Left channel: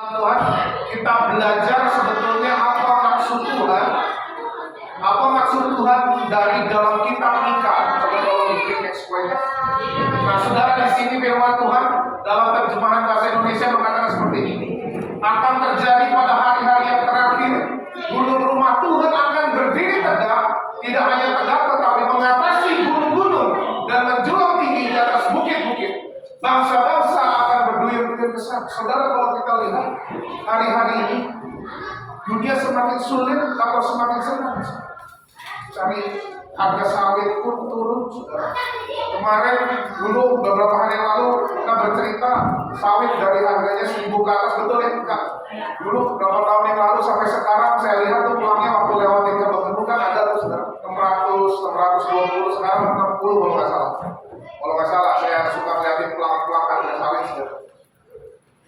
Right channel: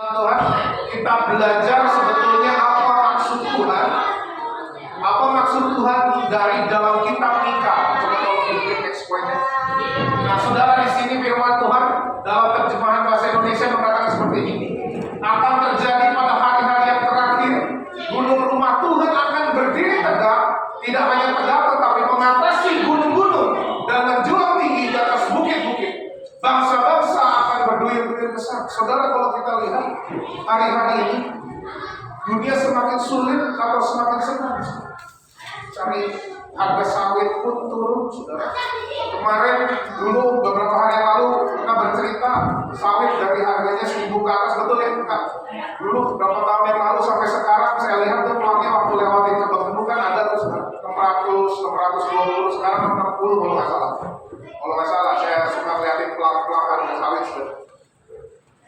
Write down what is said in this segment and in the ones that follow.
Tuhan, kita belajar sebetulnya apa maksud Tuhan. Apa maksud Tuhan dari dalam kitab Mika? Coba kalau diklik next point-nya. Nah, saudara, di sini firman Tuhan dalam terjemahan bahasa Indonesia mengatakan seperti ini. Akan terjadi pada hari-hari yang terakhir, gunung rumah Tuhan akan berdiri tegak, tidak hanya tegak tetapi mengatasi gunung-gunung dan menjulang tinggi di atas bukit-bukit. Bangsa-bangsa akan berduyun-duyun ke sana. Saudara, kalau kita lihat hari-hari ini, dunia semakin sulit atau semakin senang. Cari harga sawit pun turun, saudara. Kemarin dulu beberapa hari yang lalu kita bercerita sawit dari harganya 1.000 ke atas, betul ya? Enggak. Dulu beberapa tahun yang lalu sampai sekarang saya lihat tuh pulangnya waktu lewatin ke Bekenu kan ada tuh, saudara, 600, 620, sekarang 60 kalau nggak salah. Kalau nggak salah, saya suka liatin pelang-pelang harga sawit, saudara.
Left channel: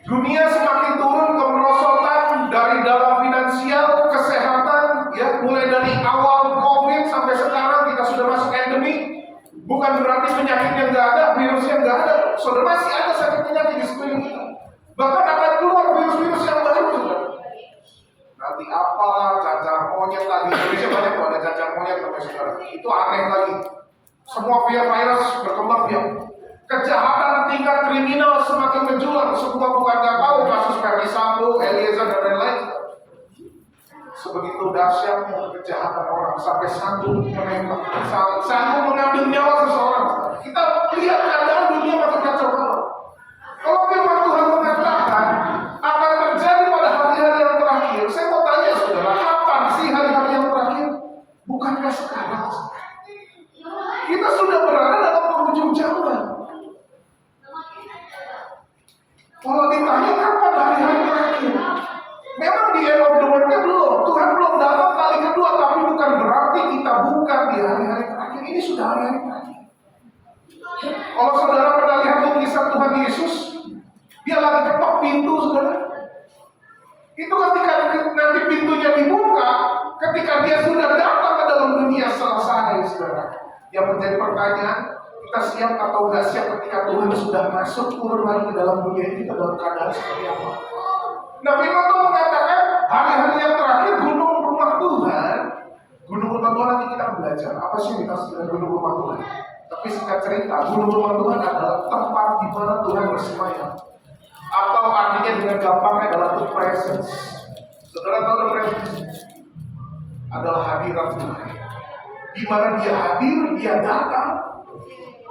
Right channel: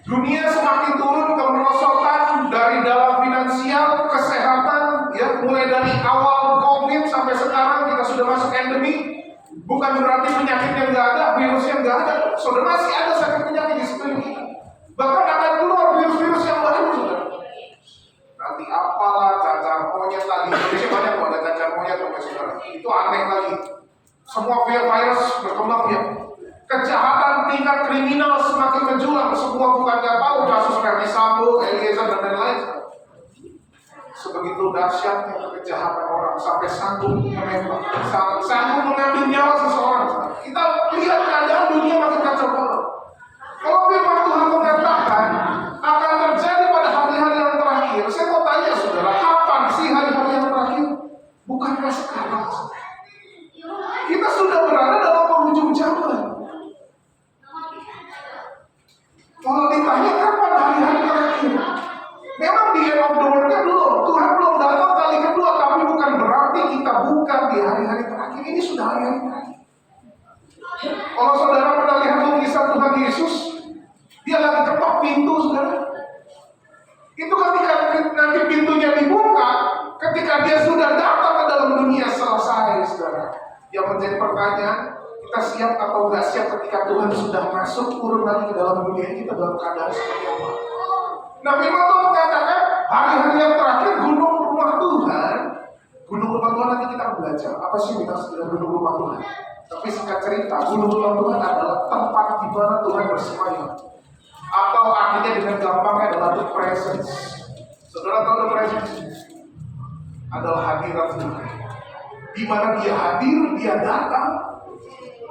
Dunia semakin turun kemerosotan dari dalam finansial, kesehatan, ya, mulai dari awal COVID sampai sekarang kita sudah masuk endemi. Bukan berarti penyakit yang nggak ada, virus yang nggak ada. Saudara, masih ada sakit penyakit di sekeliling kita. Bahkan akan keluar virus-virus yang baru, saudara. Nanti apalah, cacar monyet lagi. Indonesia banyak kok ada cacar monyet, saudara. Itu aneh lagi. Semua virus berkembang biak. Kejahatan tingkat kriminal semakin menjulang. Semua bukan nggak tahu kasus Verdi Sambo, Eliezer dan lain-lain. Sebegitu dahsyatnya kejahatan orang sampai sanggup menembak, sanggup mengambil nyawa seseorang. Kita lihat keadaan dunia makin kacau balau. Kalau firman Tuhan mengatakan akan terjadi pada hari-hari yang terakhir, saya mau tanya saudara, kapan sih hari-hari yang terakhir? Bukankah sekarang? Kita sudah berada dalam penghujung zaman. Kalau ditanya kapan hari-hari terakhir, memang di end of the world-nya belum. Tuhan belum datang kali kedua, tapi bukan berarti kita bukan di hari-hari terakhir. Ini sudah hari-hari terakhir. Kalau saudara pernah lihat lukisan Tuhan Yesus, dia lagi ketok pintu, saudara. Itu ketika nanti pintunya dibuka, ketika dia sudah datang ke dalam dunia selesai, saudara. Yang menjadi pertanyaan, kita siap atau nggak siap ketika Tuhan sudah masuk turun lagi ke dalam dunia ini, kita dalam keadaan seperti apa? Nah, firman Tuhan mengatakan hari-hari yang terakhir gunung rumah Tuhan. Gunung rumah Tuhan nanti kita belajar apa sih kita sebenarnya gunung rumah Tuhan. Tapi singkat cerita, gunung rumah Tuhan adalah tempat di mana Tuhan bersemayam. Atau artinya dengan gampangnya adalah the presence. Saudara tahu the presence? Adalah hadirat Tuhan. Di mana dia hadir, dia datang,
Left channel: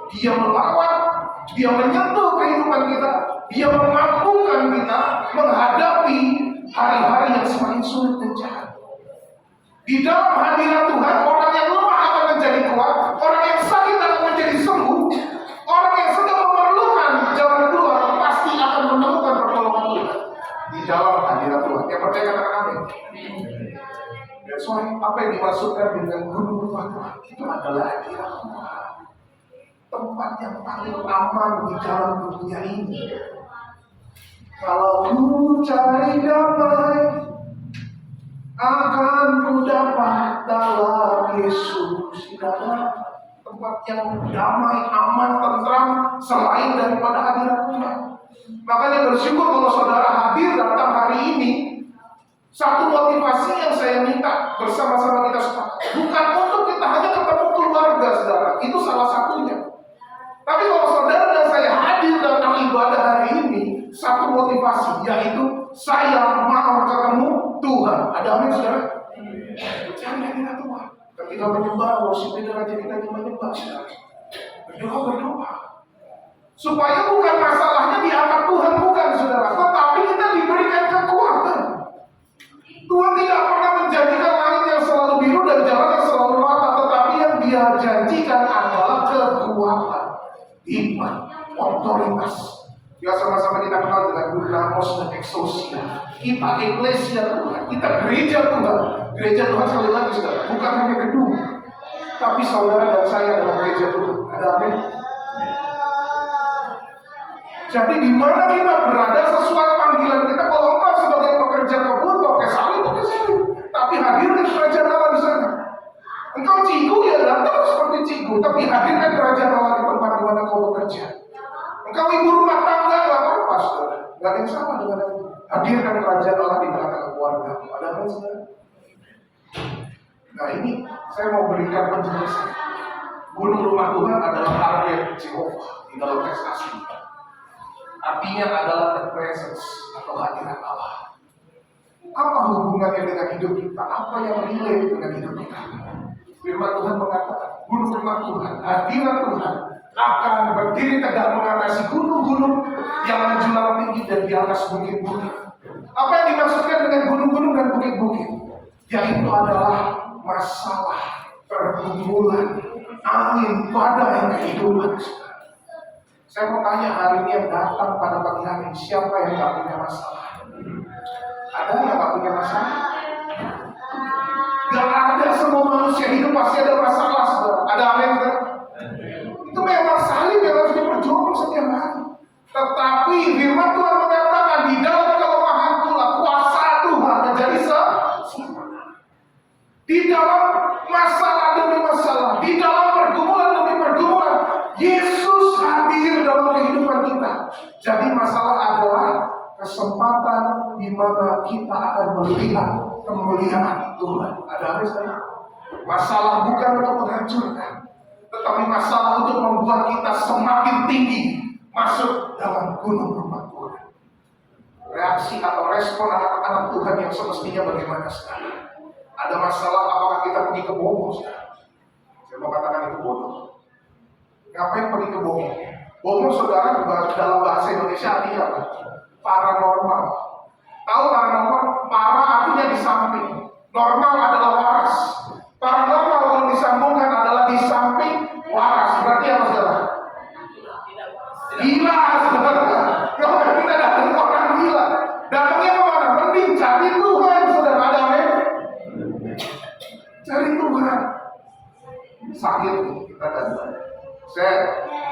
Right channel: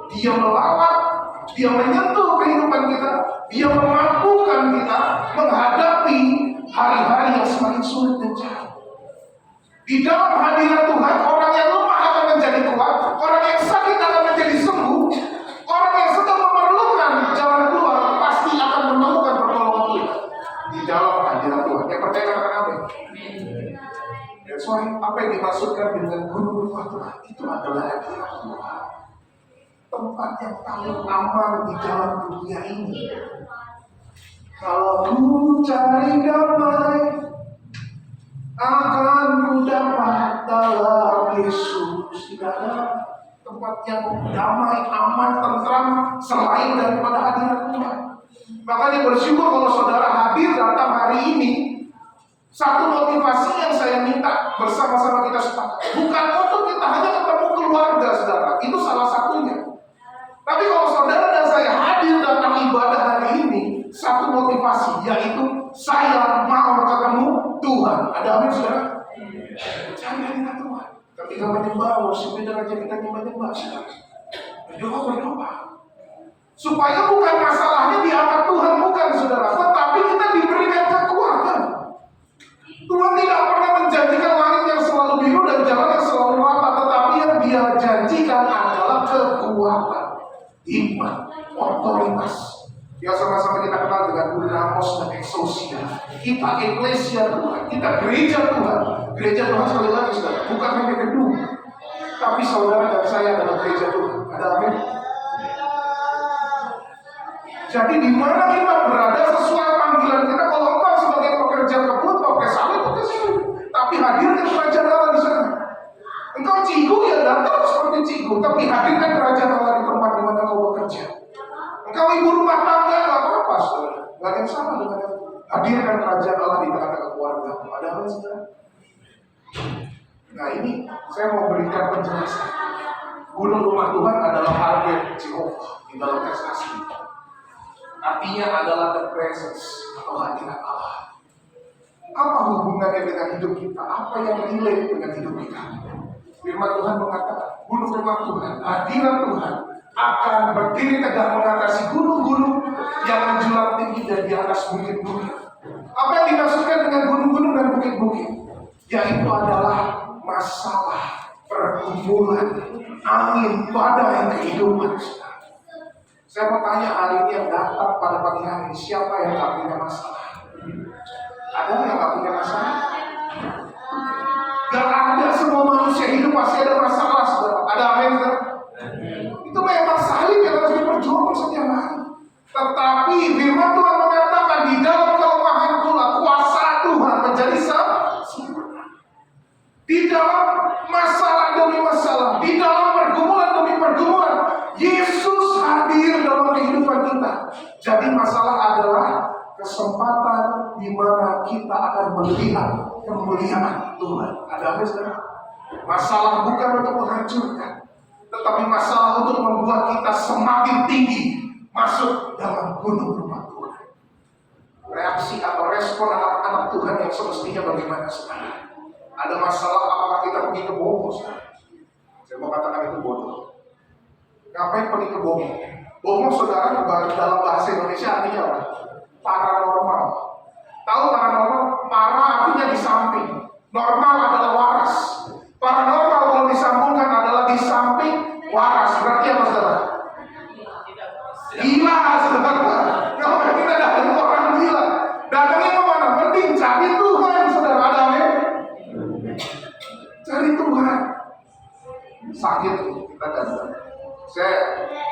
dia melawat, dia menyentuh kehidupan kita, dia memampukan kita menghadapi hari-hari yang semakin sulit dan jahat. Di dalam hadirat Tuhan, orang yang lemah akan menjadi kuat, orang yang sakit akan menjadi sembuh, orang yang sedang memerlukan jalan keluar pasti akan menemukan pertolongan Tuhan di dalam hadirat Tuhan. Yang percaya katakan amin. That's why apa yang dimaksudkan dengan gunung rumah Tuhan itu adalah hadirat Tuhan. Tempat yang paling aman di dalam dunia ini. Kalau ku cari damai, akan ku dapat dalam Yesus. Tidak ada tempat yang damai, aman, tentram selain daripada hadirat Tuhan. Makanya bersyukur kalau saudara hadir datang hari ini. Satu motivasi yang saya minta bersama-sama kita sepakat, bukan untuk kita hanya ketemu keluarga, saudara. Itu salah satunya. Tapi kalau saudara dan saya hadir dalam ibadah hari ini, satu motivasi, yaitu saya mau ketemu Tuhan. Ada amin, saudara? Cari hadirat Tuhan. Ketika menyembah, worship itu aja kita menyembah, saudara. Berdoa. Supaya bukan masalahnya diangkat Tuhan, bukan, saudara. Tetapi kita diberikan kekuatan. Tuhan tidak pernah menjanjikan langit yang selalu biru dan jalan yang selalu rata, tetapi yang Dia janjikan adalah kekuatan, hikmat, otoritas. Ya, sama-sama kita kenal dengan Dunamos dan Exousia. Kita eklesia Tuhan, kita gereja Tuhan. Gereja Tuhan sekali lagi, saudara, bukan hanya gedung, tapi saudara dan saya adalah gereja Tuhan. Ada amin. Jadi di mana kita berada sesuai panggilan kita. Kalau engkau sebagai pekerja kebun, pakai sawit. Tapi hadirkan kerajaan Allah di sana. Engkau cigu ya datang seperti cigu, tapi hadirkan kerajaan Allah di tempat di mana kau bekerja. Engkau ibu rumah tangga, nggak apa-apa, saudara. Nggak ada yang sama dengan itu. Hadirkan mendirikan kerajaan Allah di tengah-tengah keluarga. Ada apa saudara? Nah ini saya mau berikan penjelasan. Gunung rumah Tuhan adalah target Jehovah di dalam teks asli. Artinya adalah the presence atau hadirat Allah. Apa hubungannya dengan hidup kita? Apa yang relate dengan hidup kita? Firman Tuhan mengatakan, gunung rumah Tuhan, hadirat Tuhan akan berdiri tegak mengatasi gunung-gunung yang menjulang tinggi dan di atas bukit-bukit. Apa yang dimaksudkan dengan gunung-gunung dan bukit-bukit? Yaitu adalah masalah pergumulan angin badai kehidupan. Saya mau tanya hari ini yang datang pada pagi hari, siapa yang gak punya masalah? Ada yang gak punya masalah? Gak ada, semua manusia hidup pasti ada masalah, saudara. Ada amin, saudara? Itu memang salib yang harus diperjuangkan setiap hari. Tetapi firman Tuhan mengatakan di dalam kelemahan pula kuasa Tuhan menjadi sempurna. Di dalam masalah demi masalah, di dalam pergumulan demi pergumulan, Yesus hadir dalam kehidupan kita. Jadi masalah adalah kesempatan di mana kita akan melihat kemuliaan Tuhan. Ada apa saudara? Masalah bukan untuk menghancurkan, tetapi masalah untuk membuat kita semakin tinggi masuk dalam gunung rumah Tuhan. Reaksi atau respon anak-anak Tuhan yang semestinya bagaimana sekarang? Ada masalah, apakah kita pergi ke Bomo? Saya mau katakan itu bodoh. Ngapain pergi ke Bomo? Bomo saudara dalam bahasa Indonesia artinya apa? Paranormal. Tahu paranormal? Para artinya di samping. Normal adalah waras. Paranormal kalau disambungkan adalah di samping waras. Berarti apa saudara? Gila saudara. Kalau kita datang orang gila, datangnya kemana? Mending cari Tuhan saudara. Ada amin? Cari Tuhan. Sakit kita datang. Saya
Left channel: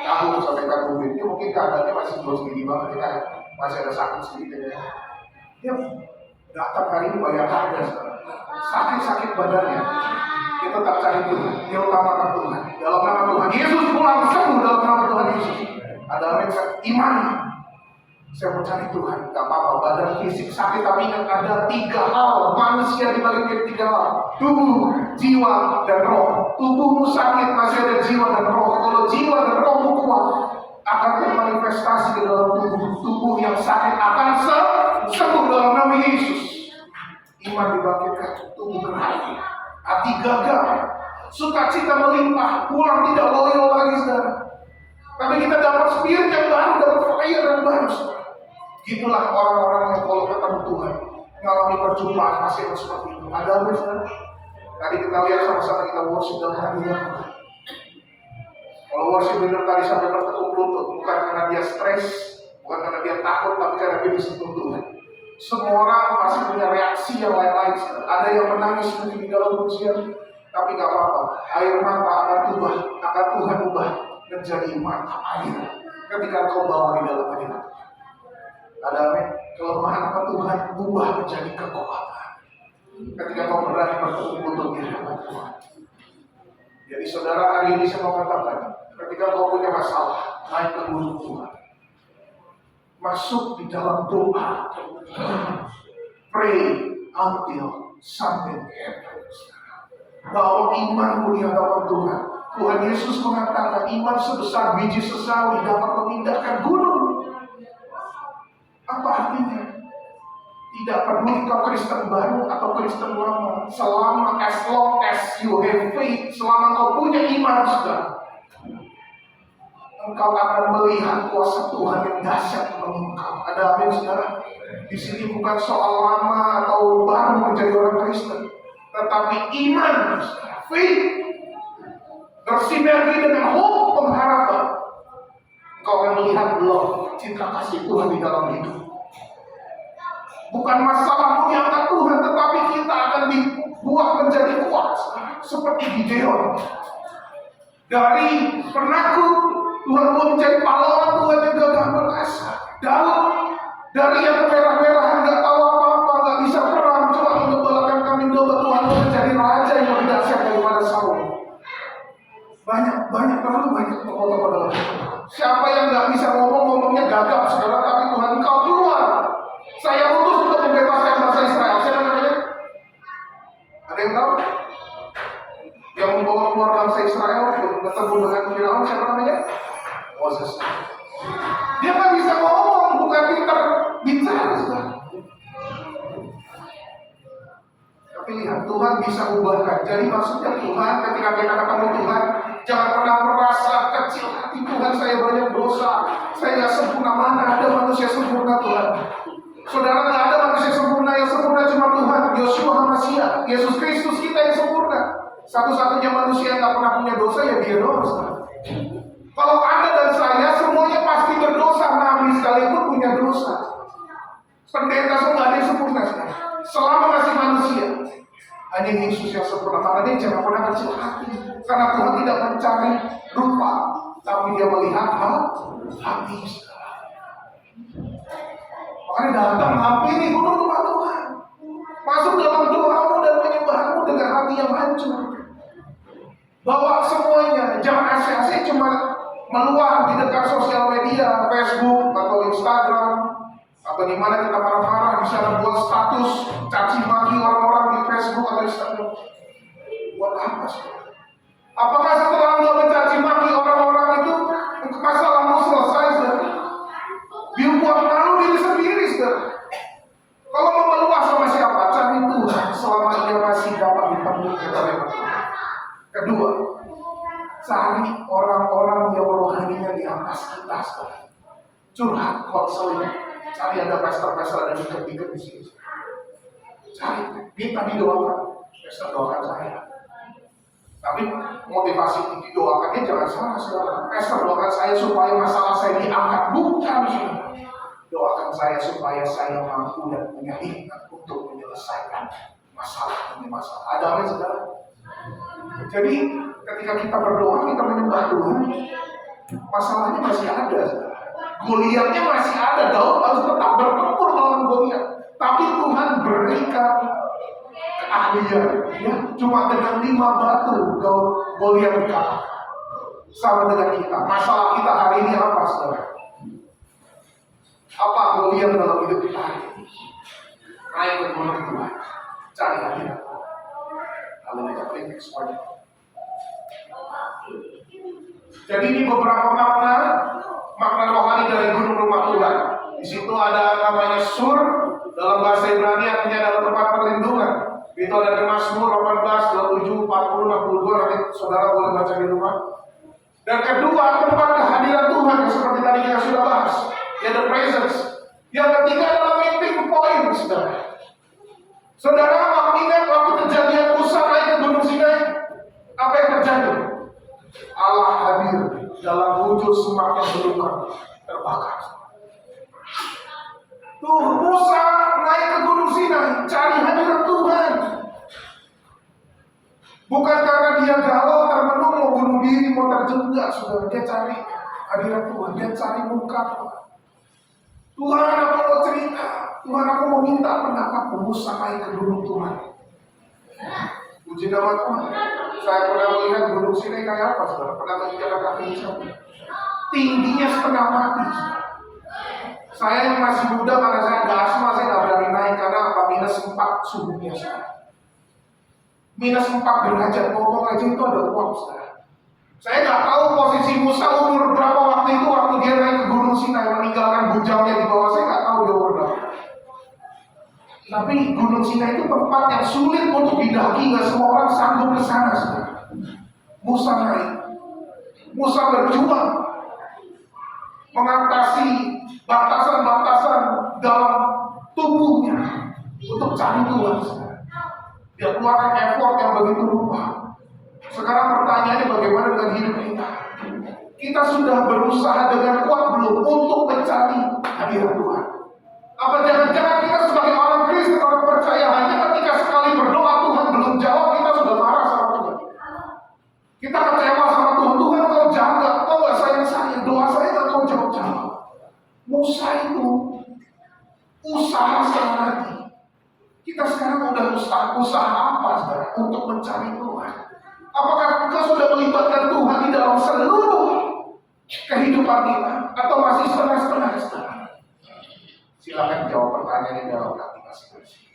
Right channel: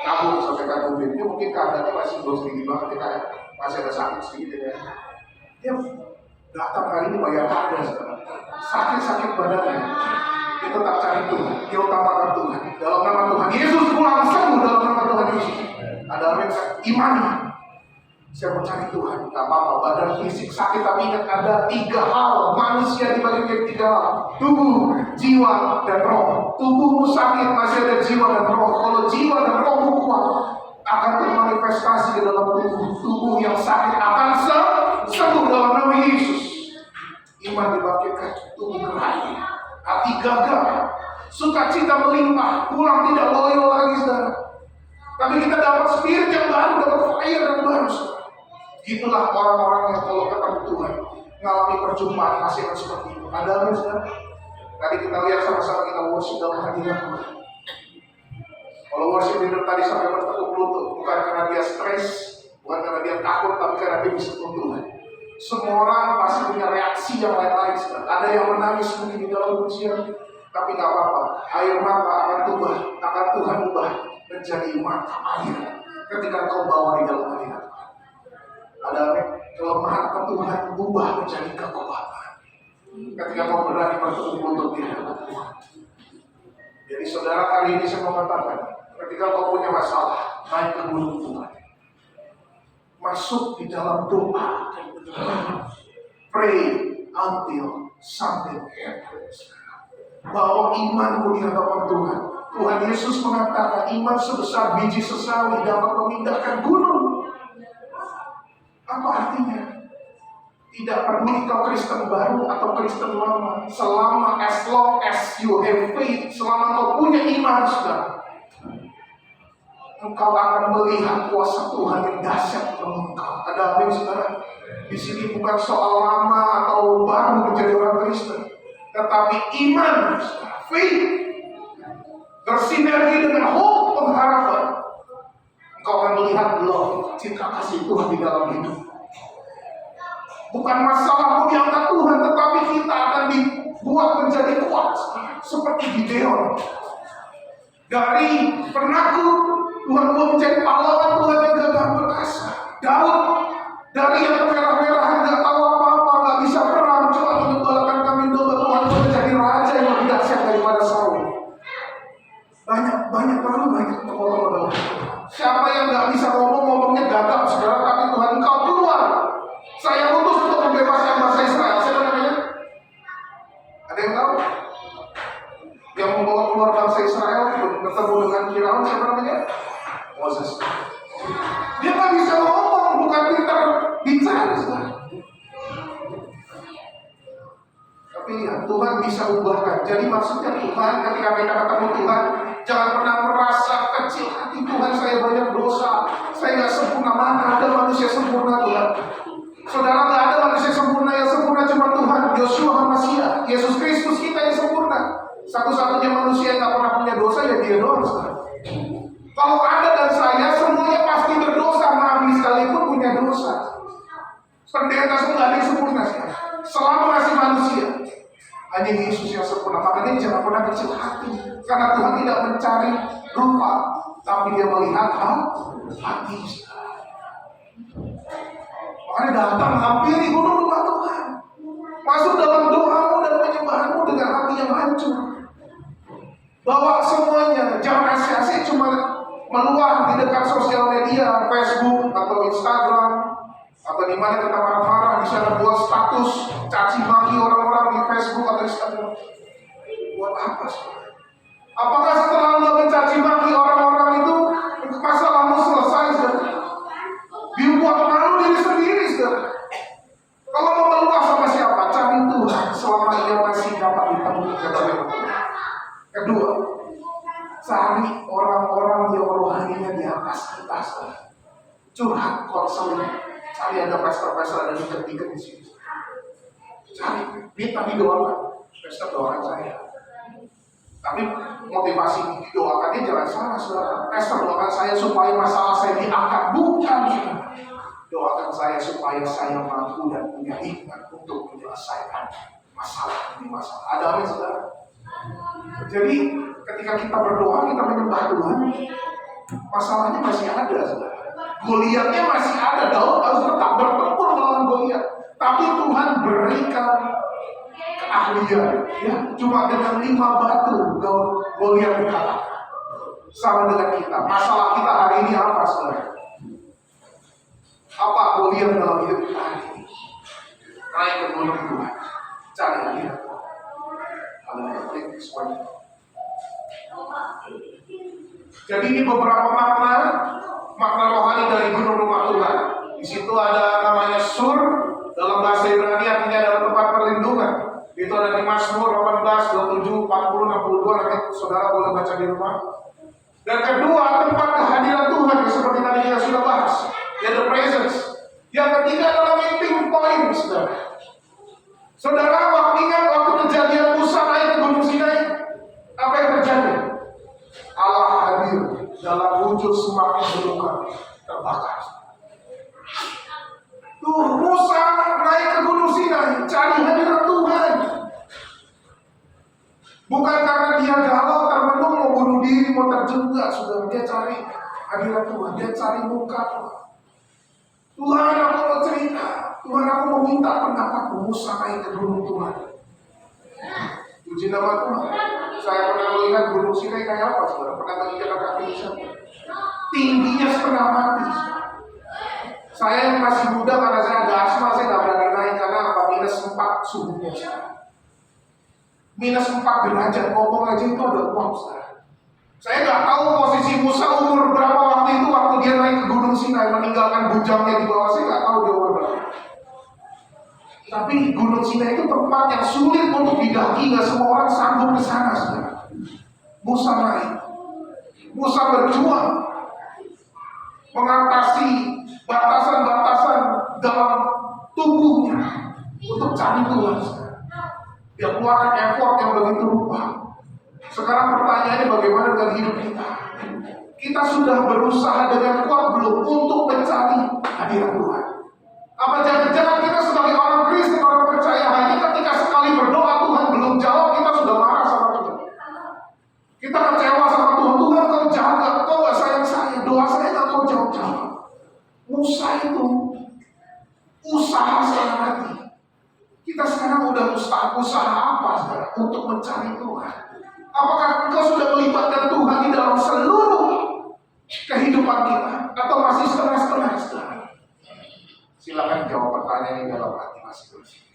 kabur sampai kabur dia mungkin keadaannya masih belum sedikit banget ya, kayak masih ada sakit sedikit ya. Dia datang hari ini bayar harga saudara. Sakit badannya, dia tetap cari Tuhan. Dia utamakan Tuhan. Dalam nama Tuhan Yesus pulang sembuh dalam nama Tuhan Yesus. Ada amin kan? Iman. Saya mau cari Tuhan. Gak apa-apa badan fisik sakit, tapi ingat ada 3 hal manusia dibagi 3 hal: tubuh, jiwa, dan roh. Tubuhmu sakit masih ada jiwa dan roh. Kalau jiwa dan rohmu kuat, akan termanifestasi ke dalam tubuh. Tubuh yang sakit akan sembuh dalam nama Yesus. Iman dibangkitkan, tubuh gerah, hati gagah, sukacita melimpah, pulang tidak loyo lagi saudara. Tapi kita dapat spirit yang baru, dapat fire yang baru saudara. Gitulah orang-orang yang kalau ketemu Tuhan mengalami perjumpaan pasti akan seperti itu. Ada amin saudara? Tadi kita lihat sama-sama kita worship dalam hadirat Tuhan. Kalau worship leader tadi sampai bertekuk lutut, bukan karena dia stres, bukan karena dia takut, tapi karena dia disentuh Tuhan. Semua orang pasti punya reaksi yang lain-lain. Ada yang menangis mungkin di dalam pujian, tapi gak apa-apa. Air mata akan Tuhan ubah menjadi mata air ketika kau bawa di dalam hadirat Tuhan. Ada amin. Kelemahan akan Tuhan ubah menjadi kekuatan ketika kau berani bertekuk lutut di hadapan Tuhan. Jadi saudara, hari ini saya mau katakan, ketika kau punya masalah, naik ke gunung Tuhan, masuk di dalam doa, pray until something happens. Bawa imanmu di hadapan Tuhan. Tuhan Yesus mengatakan iman sebesar biji sesawi dapat memindahkan gunung. Apa artinya? Tidak peduli kau Kristen baru atau Kristen lama, selama as long as you have faith, selama kau punya iman sudah, engkau akan melihat kuasa Tuhan yang dahsyat menolong engkau. Ada amin saudara? Di sini bukan soal lama atau baru menjadi orang Kristen, tetapi iman, saudara, faith bersinergi dengan hope, pengharapan. Engkau akan melihat love, cinta kasih Tuhan di dalam hidup. Bukan masalahmu diangkat Tuhan, tetapi kita akan dibuat menjadi kuat seperti Gideon. Dari penakut Tuhan mau menjadi pahlawan, Tuhan yang gagah perkasa. Daud dari yang merah-merahan, gak tahu apa-apa, gak bisa perang, cuma mengembalakan kambing domba, Tuhan mau menjadi raja yang lebih dahsyat daripada Saul. Banyak, terlalu banyak tokoh-tokoh dalam Tuhan. Siapa yang gak bisa ngomongnya gagap saudara, tapi Tuhan engkau keluar. Saya utus untuk pilihan. Tuhan bisa ubahkan. Jadi maksudnya Tuhan, ketika kita ketemu Tuhan, jangan pernah merasa kecil hati. Tuhan, saya banyak dosa, saya nggak sempurna. Mana ada manusia sempurna, Tuhan? Saudara, nggak ada manusia sempurna. Yang sempurna cuma Tuhan, Yosua HaMashiach, Yesus Kristus kita yang sempurna. Satu-satunya manusia yang nggak pernah punya dosa ya dia doang. Kalau Anda dan saya semuanya pasti berdosa, nabi sekalipun punya dosa. Pendeta semua nggak ada yang sempurna sekarang. Selama masih manusia, hanya Yesus yang sempurna. Makanya jangan pernah kecil hati, karena Tuhan tidak mencari rupa, tapi Dia melihat hati. Makanya datang hampiri gunung rumah Tuhan, masuk dalam doamu dan penyembahanmu dengan hati yang hancur. Bawa semuanya, jangan asik-asik cuma meluang di dekat sosial media, Facebook atau Instagram, atau di mana kita marah-marah di sana buat status caci maki orang-orang di Facebook atau Instagram. Buat apa sih? Apakah setelah Anda mencaci maki orang-orang itu masalahmu selesai, saudara? Dibuat malu diri sendiri, saudara. Kalau mau meluas sama siapa? Cari Tuhan selama Ia masih dapat ditemui, kata Tuhan. Kedua, cari orang-orang yang rohaninya di atas kita, saudara. Curhat, konseling. Cari ada pastor-pastor, ada diket-diket di sini. Cari, minta didoakan. Pastor doakan saya. Tapi motivasi didoakannya jangan salah, saudara. Pastor doakan saya supaya masalah saya diangkat. Bukan, saudara. Doakan saya supaya saya mampu dan punya hikmat untuk menyelesaikan masalah ini masalah. Ada apa, saudara? Jadi ketika kita berdoa, kita menyembah Tuhan, masalahnya masih ada, saudara. Goliatnya masih ada. Daud harus tetap bertempur melawan Goliat. Tapi Tuhan berikan keahlian, ya. Cuma dengan 5 batu Goliat dikalahkan. Sama dengan kita. Masalah kita hari ini apa, saudara? Apa Goliat dalam hidup kita hari ini? Naik ke gunung Tuhan, cari hadirat Tuhan. Haleluya. Jadi ini beberapa makna rohani dari gunung rumah Tuhan. Di situ ada namanya Sur, dalam bahasa Ibrani artinya ada tempat perlindungan. Itu ada di Mazmur 18, 27, 40, 62. Nanti saudara boleh baca di rumah. Dan kedua, tempat kehadiran Tuhan yang seperti tadi kita sudah bahas, ya, the presence. Yang ketiga adalah meeting point, saudara. Saudara, waktu kejadian Musa naik ke Gunung Sinai, apa yang terjadi? Allah hadir dalam wujud semak yang belum terbakar. Tuh, Musa naik ke Gunung Sinai, cari hadirat Tuhan. Bukan karena dia galau, termenung, mau bunuh diri, mau terjebak, saudara. Dia cari hadirat Tuhan, dia cari muka Tuhan. Tuhan, aku mau cerita. Tuhan, aku mau minta pendapatmu. Musa naik ke gunung Tuhan. Puji nama Tuhan. Saya pernah melihat Gunung Sinai kayak apa, saudara? Pernah menginjakan kaki di sana. Tingginya setengah mati. Saya yang masih muda, karena saya ada asma, saya nggak berani naik karena apa? -4 suhunya. -4 derajat, ngomong aja itu ada uap, saudara. Saya nggak tahu posisi Musa umur berapa waktu itu, waktu dia naik ke Gunung Sinai, meninggalkan bujangnya di bawah. Saya nggak tahu dia umur berapa. Tapi Gunung Sinai itu tempat yang sulit untuk didaki, nggak semua orang sanggup ke sana, saudara. Musa naik, Musa berjuang mengatasi batasan-batasan dalam tubuhnya untuk cari Tuhan, saudara. Dia keluarkan effort yang begitu rupa. Sekarang pertanyaannya, bagaimana dengan hidup kita? Kita sudah berusaha dengan kuat belum untuk mencari hadirat Tuhan? Apa jangan-jangan kita sebagai orang Kristen, orang percaya, hanya ketika sekali berdoa Tuhan belum jawab, kita sudah marah sama Tuhan. Kita kecewa sama Tuhan. Tuhan, kau jaga, kau gak sayang saya, doa saya gak kau jawab-jawab. Musa itu usaha setengah mati. Kita sekarang udah usaha apa, saudara, untuk mencari Tuhan? Apakah engkau sudah melibatkan Tuhan di dalam seluruh kehidupan kita, atau masih setengah-setengah, saudara? Silakan jawab pertanyaan ini dalam hati masing-masing.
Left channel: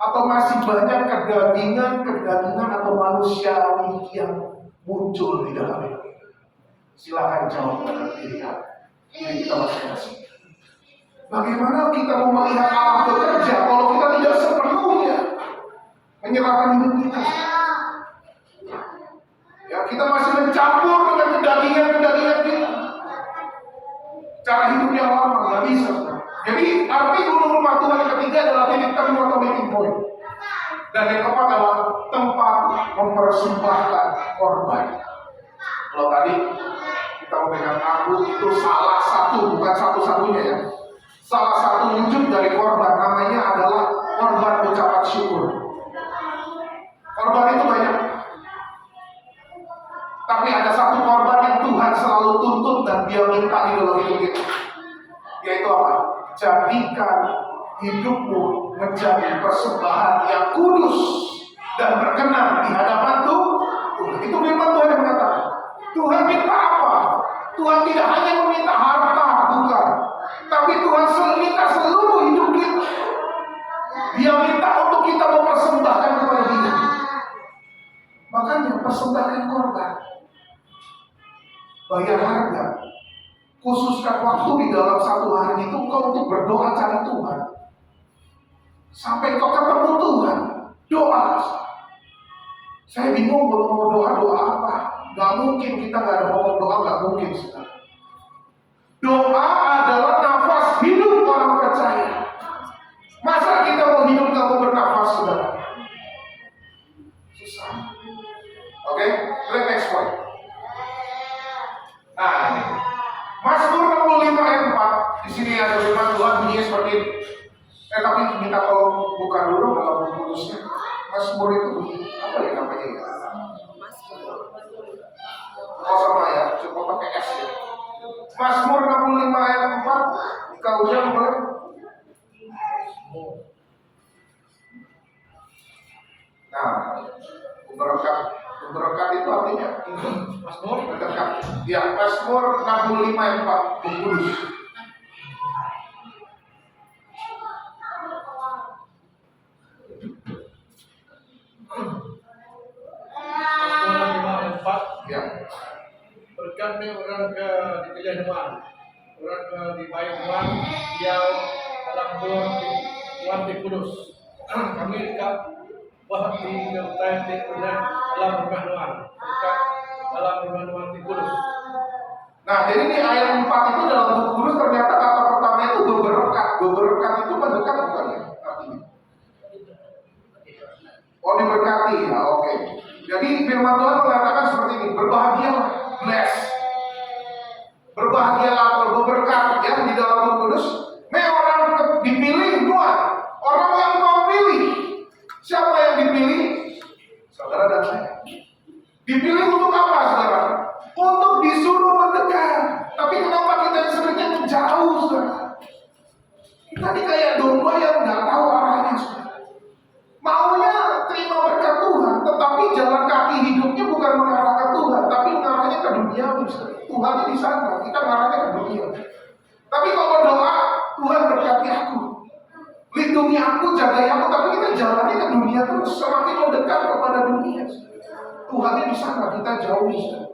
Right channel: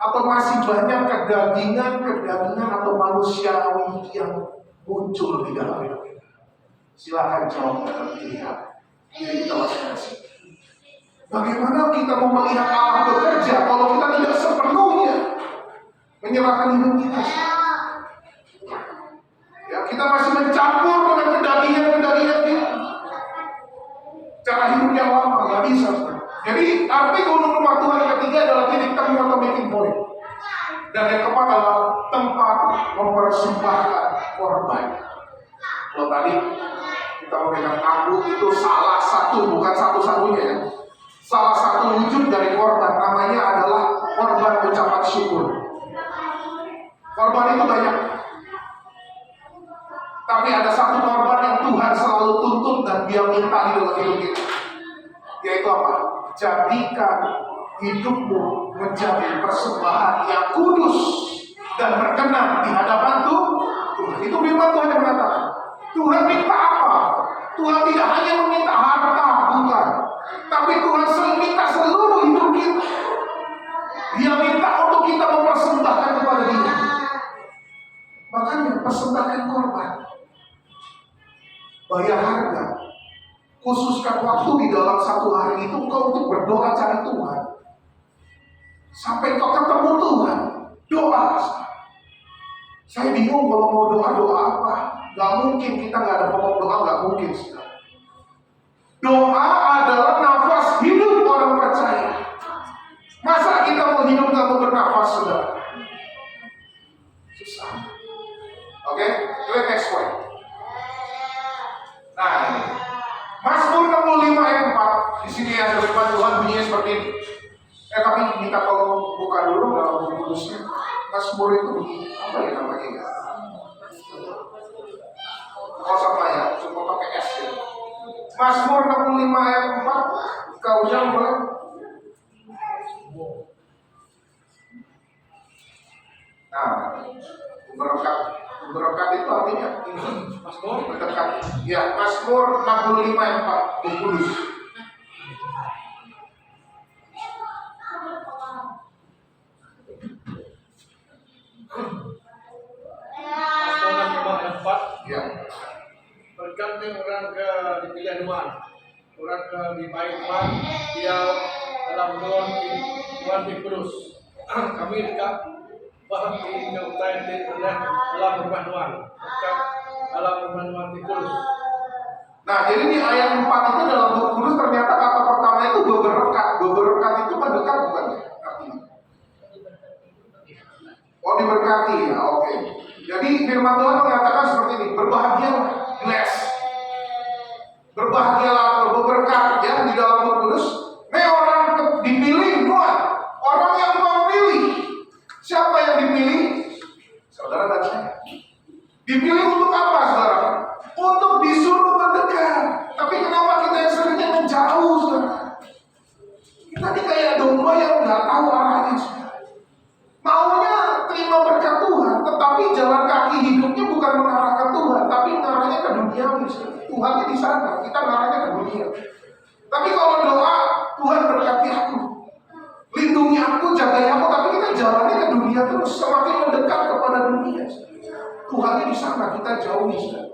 Atau masih banyak kedagingan atau manusiawi yang muncul di dalam hidup kita? Silakan jawab dalam diri kita masing-masing. Bagaimana kita mau melihat Allah bekerja kalau kita tidak sepenuhnya Menyerahkan hidup kita. Ya, kita masih mencampur dengan kedagingan kita. Cara hidup yang lama nggak bisa. Jadi arti gunung rumah Tuhan yang ketiga adalah titik temu atau meeting point. Dan yang keempat adalah tempat mempersembahkan korban. Kalau tadi kita memegang anggur itu salah satu, bukan satu-satunya ya. Salah satu wujud dari korban namanya adalah korban ucapan syukur. Korban itu banyak. Tapi ada satu korban yang Tuhan selalu tuntut dan Dia minta di dalam hidup kita. Yaitu apa? Jadikan hidupmu menjadi persembahan yang kudus dan berkenan di hadapan Tuhan. Itu firman Tuhan yang mengatakan. Tuhan minta apa? Tuhan tidak hanya meminta harta, bukan. Tapi Tuhan minta seluruh hidup kita. Dia minta untuk kita mempersembahkan kepada Dia. Makanya persembahkan korban. Bayar harga. Khususkan waktu di dalam satu hari itu engkau untuk berdoa cari Tuhan. Sampai kau ketemu Tuhan. Doa. Saya bingung kalau mau doa apa. Gak mungkin kita gak ada pokok doa, gak mungkin. Doa adalah nafas hidup orang percaya. Masa kita mau hidup gak mau bernafas, saudara? Susah. Oke, next point. Nah ini Mazmur 65 ayat 4. Di sini ada firman Tuhan bunyinya seperti ini. Tapi minta tolong buka dulu dalam buku kudusnya. Mazmur itu apa ya namanya ya? Oh sama ya, coba pakai S ya. Mazmur 65 ayat 4. Kau ucap boleh? Nah, berkat itu artinya ini. Mazmur mendekat. Ya, Mazmur 65 ayat 4. Buku kudus. Ya. Berkatnya orang ke dipilih Tuhan, orang ke dipakai Tuhan, dia dalam Tuhan di kudus. Kami dekat bahkan di utara di dalam rumah Tuhan, dekat dalam rumah Tuhan di kudus. Nah, jadi di ayat 4 itu dalam buku kudus ternyata kata pertama itu berberkat. Berberkat itu mendekat bukan ya? Artinya. Oh, diberkati ya, oke. Jadi firman Tuhan mengatakan seperti ini, berbahagialah, bless. Berbahagialah atau berberkat ya di dalam buku kudus. Ini orang dipilih Tuhan, orang yang Tuhan pilih. Siapa yang dipilih? Saudara dan saya. Dipilih untuk apa, saudara? Untuk disuruh mendekat. Tapi kenapa kita yang seringnya menjauh, saudara? Kita ini kayak domba yang nggak tahu arahnya, saudara. Maunya terima berkat Tuhan, tetapi jalan kaki hidupnya bukan mengarah ke Tuhan, tapi mengarahnya ke dunia. Tuhannya di sana, kita mengarahnya ke dunia. Tapi kalau doa, Tuhan berkati aku, lindungi aku, jagai aku, tapi kita jalannya ke dunia terus, semakin mendekat kepada dunia. Tuhannya di sana, kita jauh di sana.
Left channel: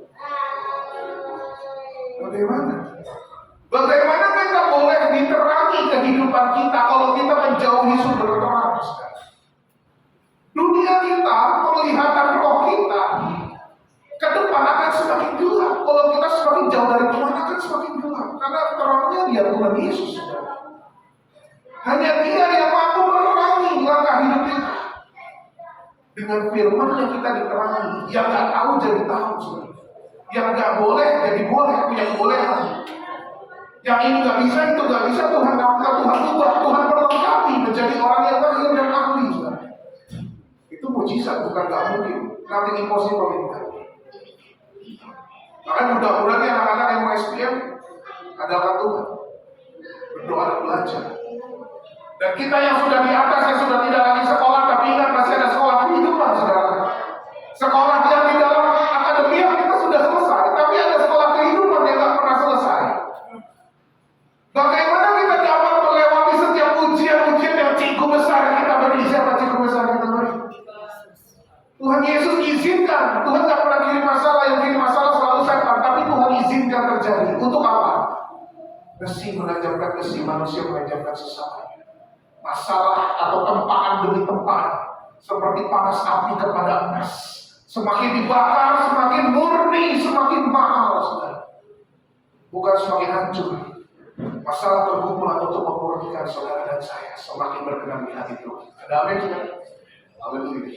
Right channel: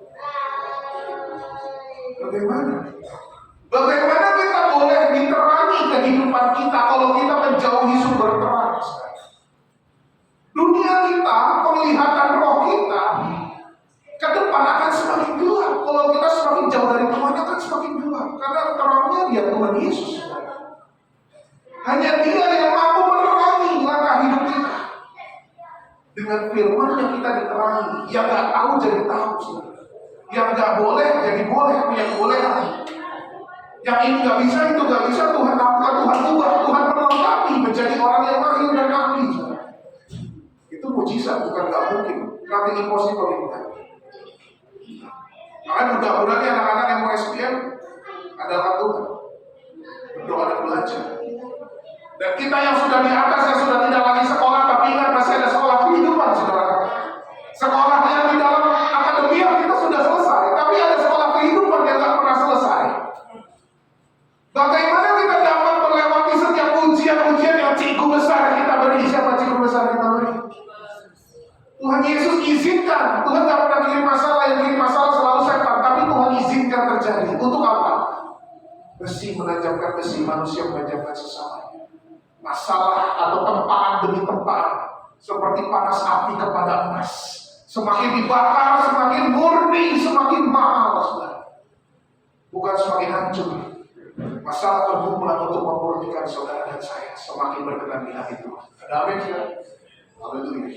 Bagaimana kita boleh diterangi kehidupan kita kalau kita menjauhi sumber terang? Dunia kita, penglihatan roh kita ke depan akan semakin gelap. Kalau kita semakin jauh dari Tuhan akan semakin gelap. Karena terangnya Dia Tuhan Yesus. Hanya Dia yang mampu menerangi langkah hidup kita. Dengan firman yang kita diterangi. Yang gak tahu jadi tahu. Yang gak boleh jadi boleh. Yang boleh. Yang ini gak bisa, itu gak bisa. Tuhan lakukan, Tuhan ubah, Tuhan melengkapi menjadi orang yang lahir dan ahli. Itu mujizat, bukan gak mungkin. Nothing impossible in God. Maka mudah-mudahan anak-anak yang mau SPM adalah Tuhan. Berdoa dan belajar. Dan kita yang sudah di atas, yang sudah tidak lagi sekolah, tapi ingat masih ada sekolah kehidupan, saudara. Sekolah yang di dalam akademia kita sudah selesai, tapi ada sekolah kehidupan yang gak pernah selesai. Bagaimana kita dapat melewati setiap ujian-ujian yang cikgu besar kita beri? Siapa cikgu besar kita beri? Tuhan Yesus izinkan. Tuhan gak pernah kirim masalah, yang kirim masalah selalu setan. Tapi Tuhan izinkan terjadi. Untuk apa? Besi menajamkan besi, manusia menajamkan sesamanya. Masalah atau tempaan demi tempaan seperti panas api kepada emas. Semakin dibakar, semakin murni, semakin mahal, saudara. Bukan semakin hancur. Masalah pergumulan untuk memurnikan saudara dan saya semakin berkenan di hati Tuhan. Ada amin, saudara? Haleluya.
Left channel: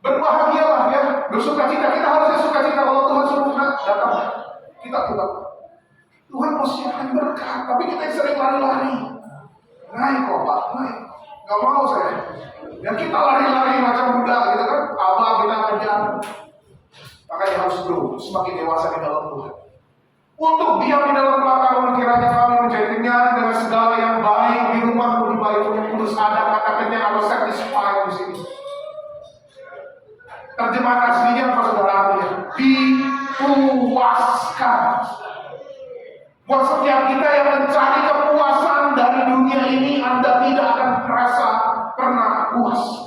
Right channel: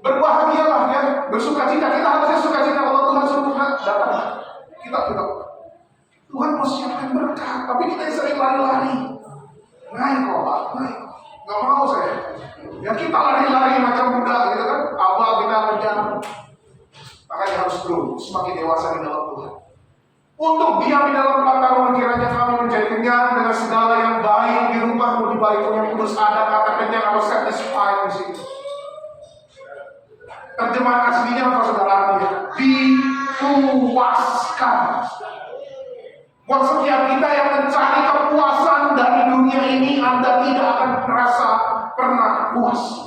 Berbahagialah ya, bersukacita. Kita harusnya sukacita kalau Tuhan suruh datang. Kita Tuhan mau siapkan berkat, tapi kita sering lari-lari. Naik kok Pak, naik. Gak mau saya. Ya kita lari-lari macam budak gitu kan. Abah kita kejar. Makanya harus grow, semakin dewasa di dalam Tuhan. Untuk diam di dalam pengetahuan kiranya kami menjadi kenyang dengan segala yang baik di rumah di balik yang kudus. Ada kata kenyang atau satisfied di sini. Terjemahan aslinya apa saudara ya? Dipuaskan. Buat setiap kita yang mencari kepuasan dari dunia ini, Anda tidak akan merasa pernah puas.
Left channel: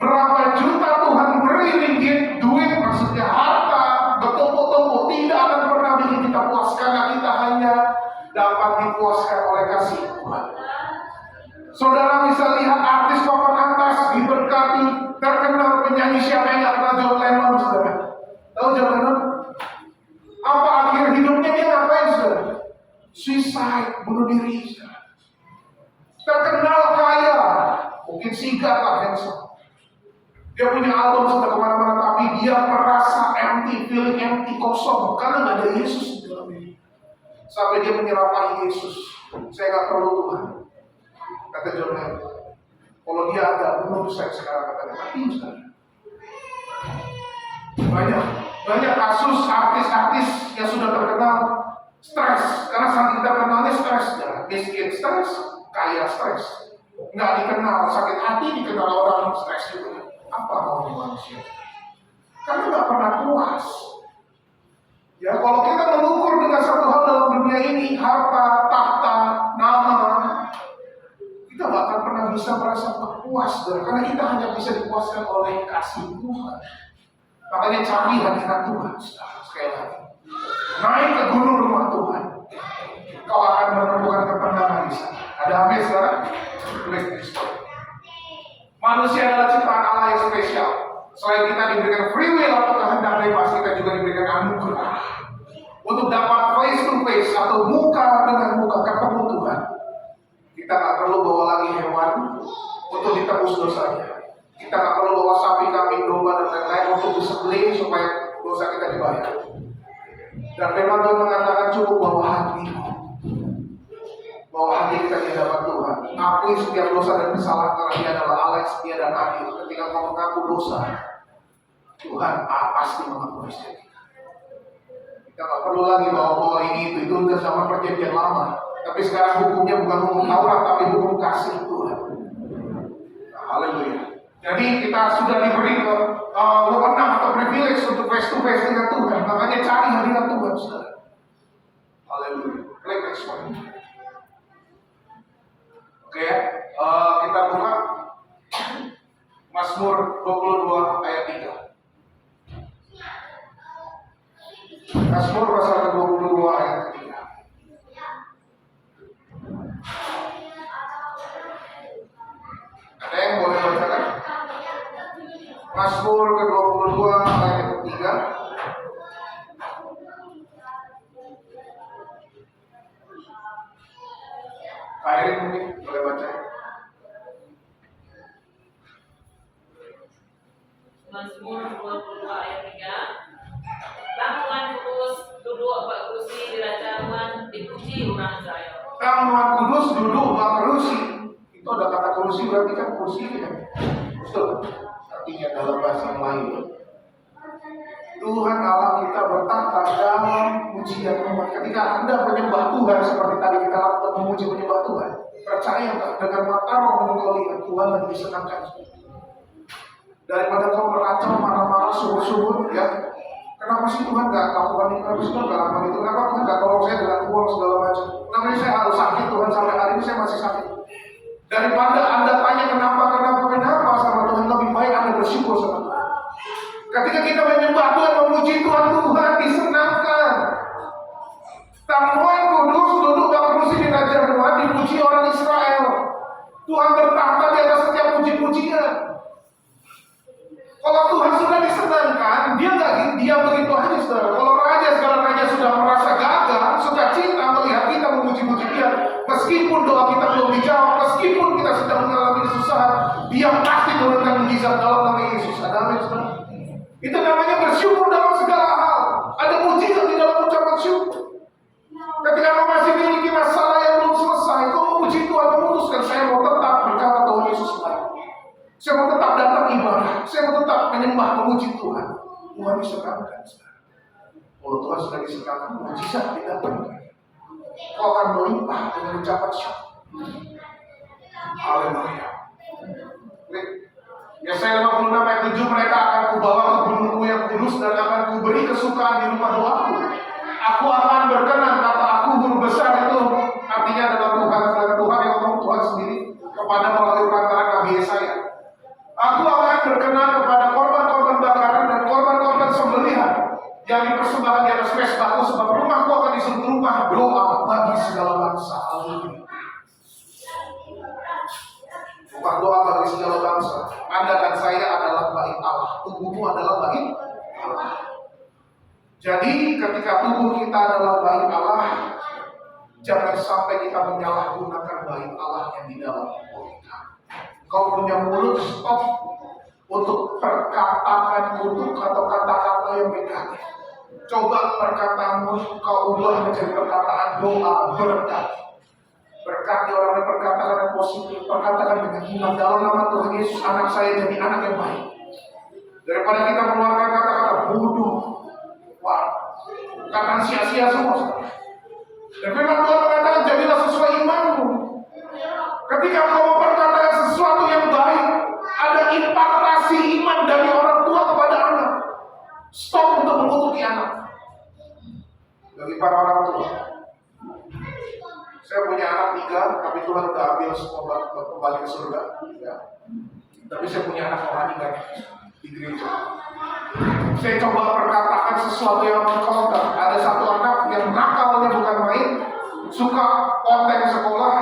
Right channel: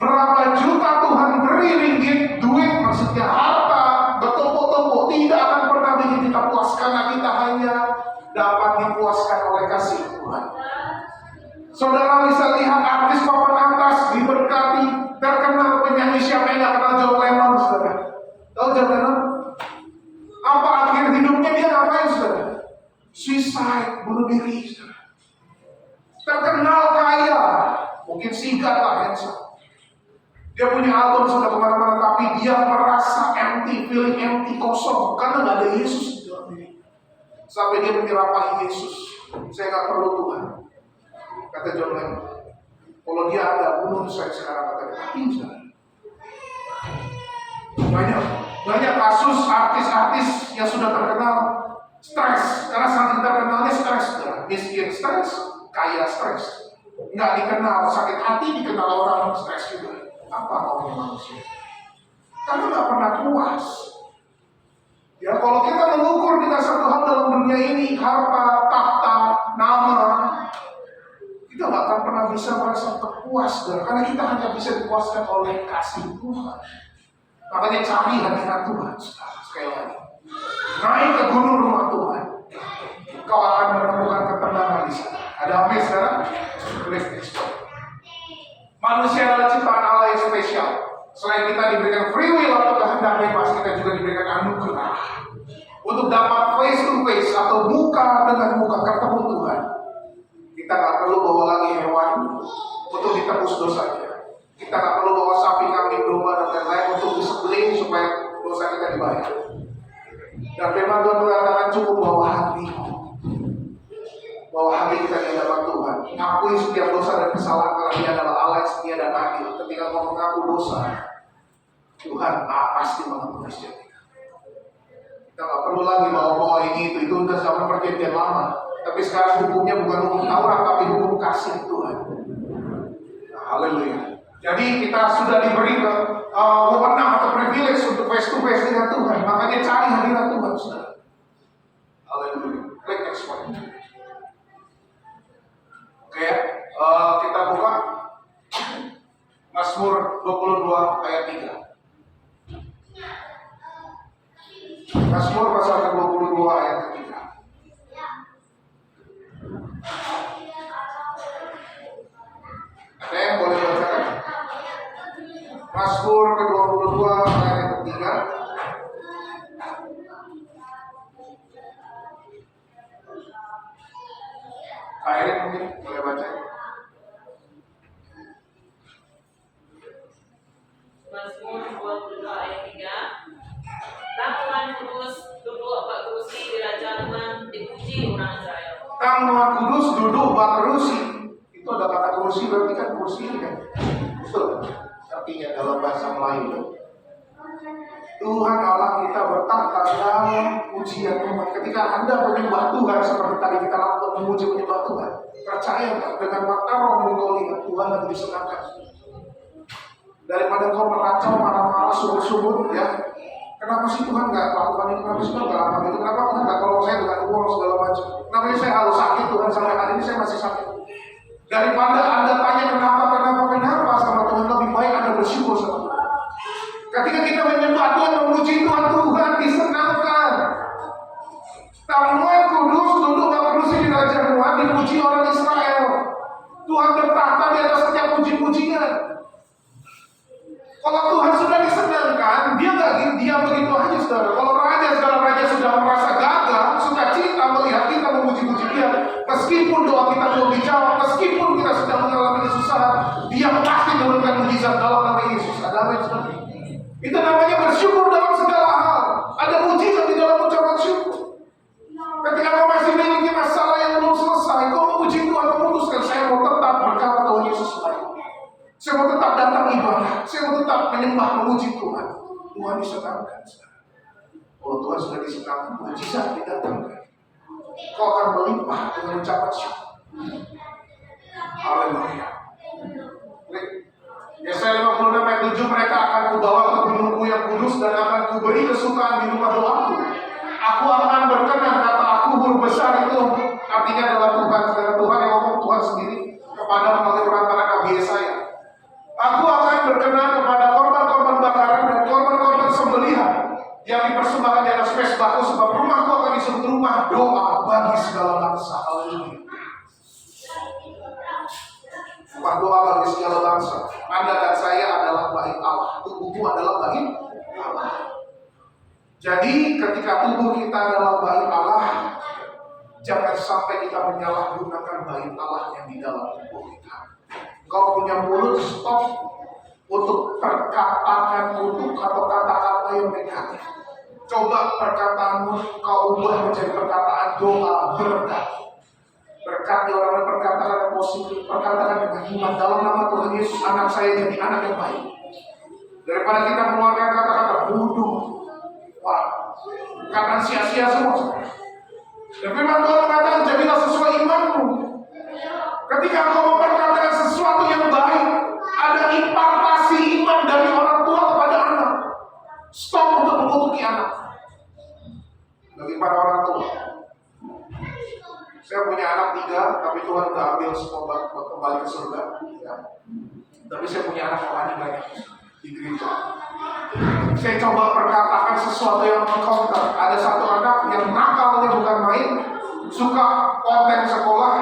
Berapa juta Tuhan beri ringgit, duit, maksudnya harta, bertumpuk-tumpuk, tidak akan pernah bikin kita puas. Karena kita hanya dapat dipuaskan oleh kasih Tuhan. Saudara bisa lihat artis papan atas, diberkati, terkenal penyanyi siapa yang gak kenal John Lennon, saudara? Tahu John Lennon? Apa akhir hidupnya dia ngapain, saudara? Suicide, bunuh diri, saudara. Terkenal kaya, mungkin singkat lah handsome. Dia punya album sudah kemana-mana, tapi dia merasa empty, feeling empty, kosong, karena gak ada Yesus di dalam diri. Sampai dia menyerapahi Yesus. Saya gak perlu Tuhan, kata John Lennon. Kalau dia ada, bunuh saya sekarang, katanya. Mati, saudara. Banyak kasus artis-artis yang sudah terkenal stres, karena saking terkenalnya stres, miskin stres, kaya stres, nggak dikenal, sakit hati dikenal orang stres juga. Apa maunya manusia? Karena nggak pernah puas. Ya kalau kita mengukur dengan satu hal dalam dunia ini, harta, tahta, nama, kita nggak akan pernah bisa merasa terpuas, karena kita hanya bisa dipuaskan oleh kasih Tuhan. Makanya cari hadirat Tuhan, sekali lagi. Naik ke gunung rumah Tuhan. Kau akan menemukan ketenangan di sana. Ada amin, saudara? Klik ekspor. Manusia adalah ciptaan Allah yang spesial. Selain kita diberikan free will atau kehendak bebas, kita juga diberikan anugerah untuk dapat face to face atau muka dengan muka ketemu Tuhan. Kita nggak perlu bawa lagi hewan untuk ditebus dosanya. Kita nggak perlu bawa sapi, kambing, domba dan lain-lain untuk disembelih supaya dosa kita dibayar. Dan memang Tuhan mengatakan cukup bawa hati. Bawa hati kita di hadapan Tuhan. Akui setiap dosa dan kesalahan karena Dia adalah Allah yang setia dan adil. Ketika kau mengaku dosa, Tuhan pasti mengampuni setiap kita. Kita nggak perlu lagi bawa ini itu udah zaman perjanjian lama. Tapi sekarang hukumnya bukan hukum Taurat, tapi hukum kasih Tuhan. Nah, haleluya. Jadi kita sudah diberi wewenang atau privilege untuk face to face dengan Tuhan. Makanya cari hadirat Tuhan, saudara. Haleluya. Klik next one. Oke, kita buka Mazmur 22 ayat 3. Mazmur pasal ke-22 ayat ke-3. Ada yang boleh bacakan? Mazmur ke-22 ayat ke-3. Kairin mungkin boleh baca. Mazmur 22 ayat 3. Tuhan Kudus duduk bak kursi di kerajaan Tuhan, dipuji orang Israel. Tuhan Kudus duduk bak kursi. Itu ada kata kursi, berarti kan kursi ini kan. Betul. Artinya dalam bahasa Melayu, Tuhan Allah kita bertahta dalam pujian umat. Ketika Anda menyembah Tuhan seperti tadi kita lakukan memuji menyembah Tuhan, percaya nggak dengan mata roh engkau lihat Tuhan lagi disenangkan. Daripada kau meracau marah-marah subur-subur, ya. Kenapa sih Tuhan nggak lakukan ini? Kenapa sih Tuhan nggak lakukan itu? Kenapa Tuhan nggak tolong saya dengan uang segala macam? Kenapa sih saya harus sakit Tuhan sampai hari ini saya masih sakit? Daripada Anda tanya kenapa sama Tuhan, lebih baik Anda bersyukur sama Tuhan. Ketika kita menyembah Tuhan, memuji Tuhan, Tuhan disenangkan. Tuhan Kudus duduk bak kursi di kerajaan Tuhan, dipuji orang Israel. Tuhan bertahta di atas setiap puji-pujian. Kalau Tuhan sudah disenangkan, dia nggak diam begitu aja, saudara. Kalau segala raja sudah merasa gagal, suka cinta melihat kita memuji-muji dia, meskipun doa kita belum dijawab, meskipun kita sedang mengalami kesusahan, dia pasti menurunkan mujizat dalam nama Yesus. Ada amin, saudara? Itu namanya bersyukur dalam segala hal. Ada mujizat di dalam ucapan syukur. Ketika kau masih memiliki masalah yang belum selesai, kau memuji Tuhan, memutuskan saya mau tetap berkata Tuhan Yesus lain. Saya mau tetap datang ibadah. Saya mau tetap menyembah, memuji Tuhan. Tuhan disenangkan. Kalau Tuhan sudah disenangkan, mujizat didatangkan. Kau akan melimpah dengan ucapan syukur. Haleluya. Yesaya 56 ayat 7, mereka akan kubawa ke gunungku yang kudus dan akan kuberi kesukaan di rumah doaku. Aku akan berkenan, kata aku huruf besar itu artinya adalah Tuhan. Saudara, Tuhan yang ngomong, Tuhan sendiri kepada melalui perantara Nabi Yesaya. Aku akan berkenan kepada korban-korban bakaran dan korban-korban sembelihan yang dipersembahkan di atas mezbahku, sebab rumahku akan disebut rumah doa bagi segala bangsa. Haleluya. Rumah doa bagi segala bangsa. Anda dan saya adalah bait Allah. Tubuhmu adalah bait Allah. Jadi ketika tubuh kita adalah bait Allah, jangan sampai kita menyalahgunakan bait Allah yang di dalam tubuh kita. Kau punya mulut, stop untuk perkataan kutuk atau kata-kata yang negatif. Coba perkataanmu kau ubah menjadi perkataan doa, berkat. Berkat di orang yang perkataan yang positif, perkataan dengan iman dalam nama Tuhan Yesus, anak saya jadi anak yang baik. Daripada kita mengeluarkan kata-kata bodoh, wah, perkataan sia-sia semua. Dan firman Tuhan mengatakan, jadilah sesuai imanmu. Ketika kau memperkatakan sesuatu yang baik, ada impartasi iman dari orang tua kepada anak. Stop untuk mengutuki anak. Bagi para orang tua, saya punya anak 3, tapi Tuhan sudah ambil semua kembali ke surga. Ya. Tapi saya punya anak rohani banyak di gereja. Saya coba perkatakan sesuatu yang mengkonter. Ada satu anak yang nakalnya bukan main, suka konten sekolah,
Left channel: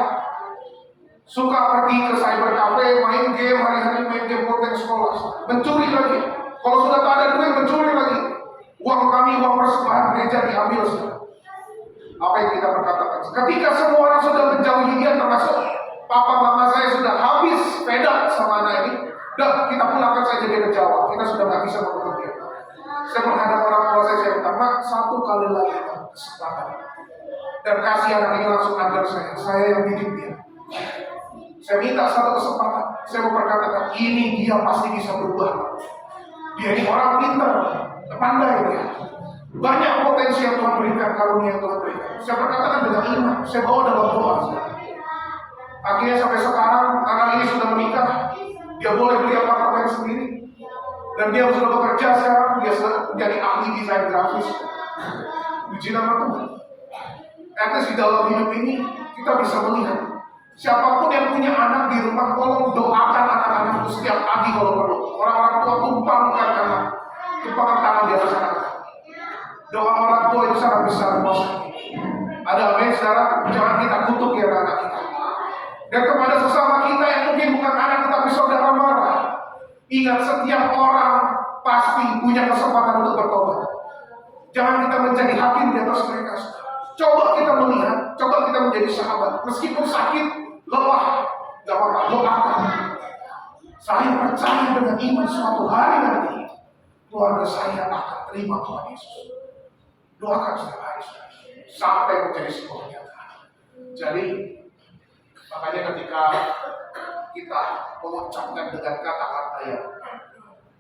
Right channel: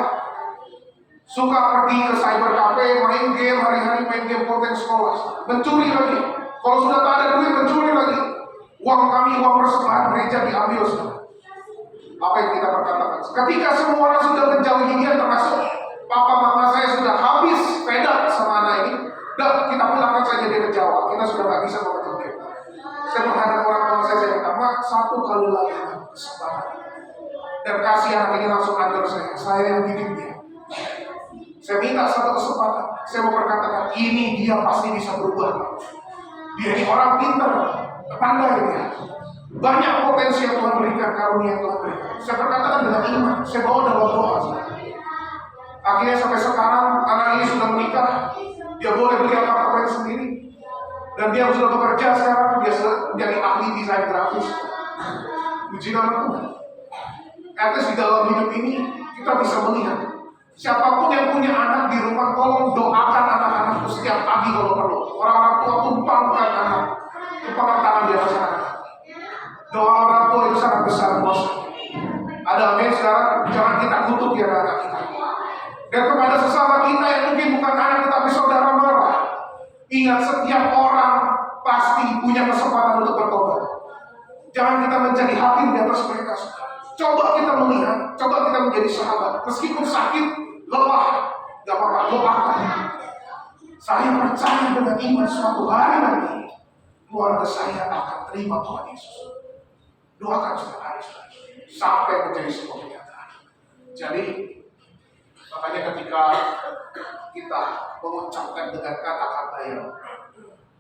suka pergi ke cyber cafe, main game, hari-hari main game konten sekolah, mencuri lagi. Kalau sudah tak ada duit, mencuri lagi. Uang kami, uang persembahan gereja diambil sudah. Apa yang kita perkatakan? Ketika semua orang sudah menjauhi dia, termasuk papa mama saya sudah habis fed sama anak ini, dan kita pulangkan saja dia ke Jawa. Kita sudah nggak bisa mengutuk dia. Saya menghadap orang tua saya minta, Mak, 1 kali lagi kesempatan. Dan kasih anak ini langsung ajar saya yang didik dia. Saya minta 1 kesempatan. Saya mau perkatakan, ini dia pasti bisa berubah. Dia ini orang pintar, pandai dia. Banyak potensi yang Tuhan berikan, karunia yang Tuhan berikan. Saya perkatakan dengan iman, saya bawa dalam doa. Akhirnya sampai sekarang anak ini sudah menikah, dia boleh beli apartemen sendiri, dan dia sudah bekerja sekarang, dia sudah menjadi ahli desain grafis. Puji nama Tuhan. Di dalam hidup ini kita bisa melihat siapapun yang punya anak di rumah, tolong doakan anak-anak itu setiap pagi kalau perlu. Orang-orang tua tumpangkan anak, tumpangkan tangan di atas anak. Doa orang tua itu sangat besar, bos. Ada amin, sekarang jangan kita kutuk ya anak kita. Dan kepada sesama kita yang mungkin bukan anak tetapi saudara marah, ingat setiap orang pasti punya kesempatan untuk bertobat. Jangan kita menjadi hakim di atas mereka. Coba kita melihat, coba kita menjadi sahabat. Meskipun sakit, lelah, gak apa-apa, doakan. Saya percaya dengan iman suatu hari nanti keluarga saya akan terima Tuhan Yesus. Doakan setiap hari sampai menjadi sebuah kenyataan. Jadi makanya ketika kita mengucapkan dengan kata-kata yang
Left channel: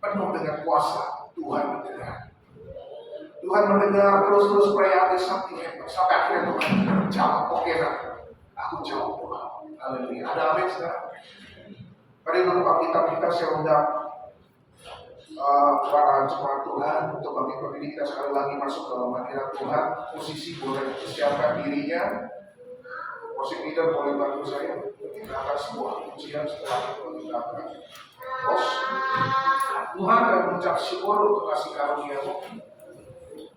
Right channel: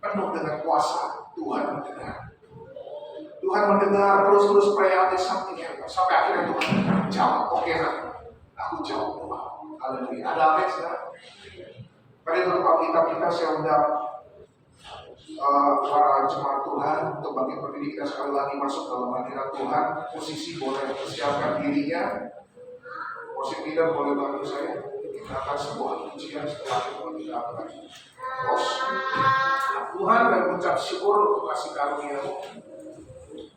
penuh dengan kuasa, Tuhan mendengar. Tuhan mendengar terus prihatin something hebat. Sampai akhirnya Tuhan jawab, oke kan? Aku jawab doa. Haleluya. Ada amin sekarang? Pada itu tempat kita saya undang para jemaat Tuhan untuk bagi pendidik kita sekali lagi masuk dalam hadirat Tuhan. Posisi boleh persiapkan dirinya. Worship leader boleh bantu saya. Kita akan sebuah pujian setelah itu kita akan Tuhan dan mengucap syukur untuk kasih karunia-Mu